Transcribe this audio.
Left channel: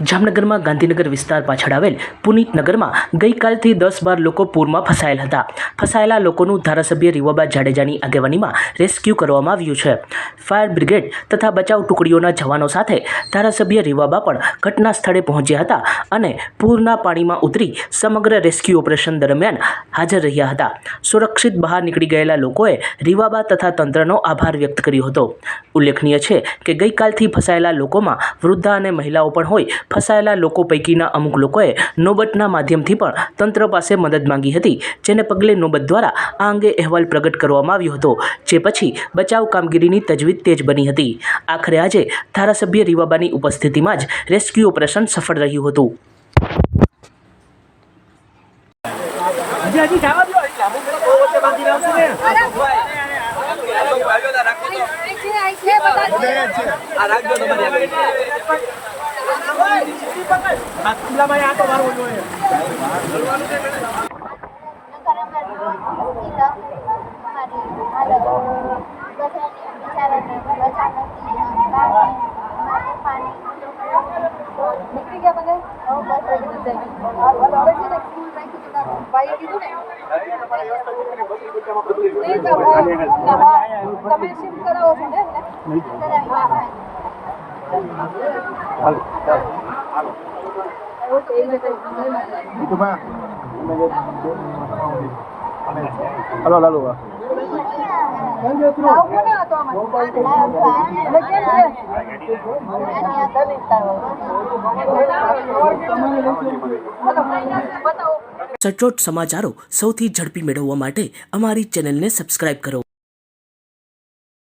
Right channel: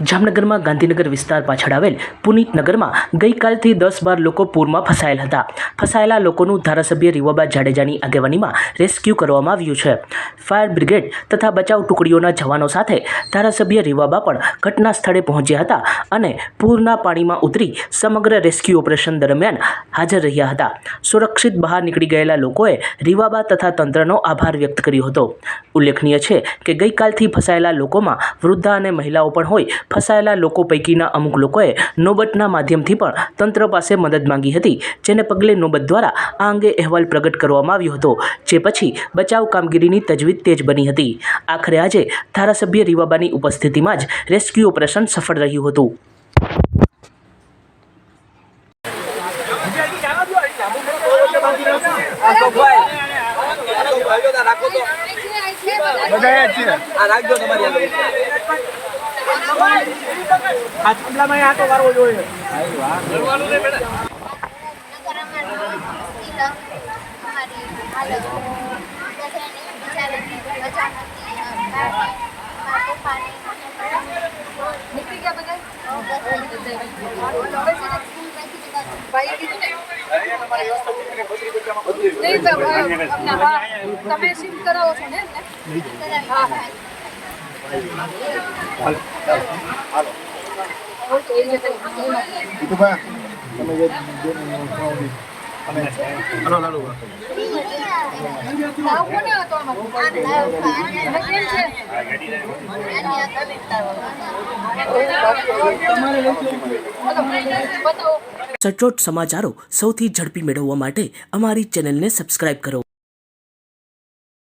જામનગરમાં ગાંધીનગર વિસ્તાર પાછળ આવેલ પુનિતનગરમાં ગઈકાલથી દસ બાર લોકો પૂરમાં ફસાયેલ હતા. ફસાયેલા લોકોનું ધારાસભ્ય રીવાબા જાડેજાની આગેવાનીમાં રેસ્ક્યુ કરવામાં આવ્યું છે. ફાયર બ્રિગેડ તથા બચાવ ટુકડીઓના જવાનો સાથે ધારાસભ્ય રીવાબા પણ ઘટના સ્થળે પહોંચ્યા હતા અને પૂરના પાણીમાં ઉતરી સમગ્ર રેસ્ક્યુ ઓપરેશન દરમિયાન હાજર રહ્યા હતા. સુરક્ષિત બહાર નીકળી ગયેલા લોકોએ રીવાબા તથા તંત્રનો આભાર વ્યક્ત કર્યો હતો. ઉલ્લેખનીય છે કે ગઈકાલથી ફસાયેલા લોકોમાં વૃદ્ધા અને મહિલાઓ પણ હોય ફસાયેલા લોકો પૈકીના અમુક લોકોએ નોબતના માધ્યમથી પણ તંત્ર પાસે મદદ માંગી હતી જેને પગલે નોબત દ્વારા આ અંગે અહેવાલ પ્રગટ કરવામાં આવ્યો હતો જે પછી બચાવ કામગીરીની તજવીજ તેજ બની હતી આખરે આજે ધારાસભ્ય રીવાબાની ઉપસ્થિતિમાં જ રેસ્ક્યુ ઓપરેશન સફળ રહ્યું હતું રાખો તો રાખજો તમારી આગળ. નીકળી ગયા બધા ભાઈએ કીધું ને? નહીં, તો, અ, અમને હા, તમે સિમ કરાવો છો ને? હા હા. ઓકે, એ halo lalu બતાવો સચોટ સમાચારો સૌથી ઝડપી મેળવવા માટે અમારી ચેનલને સબસ્ક્રાઇબ કરો.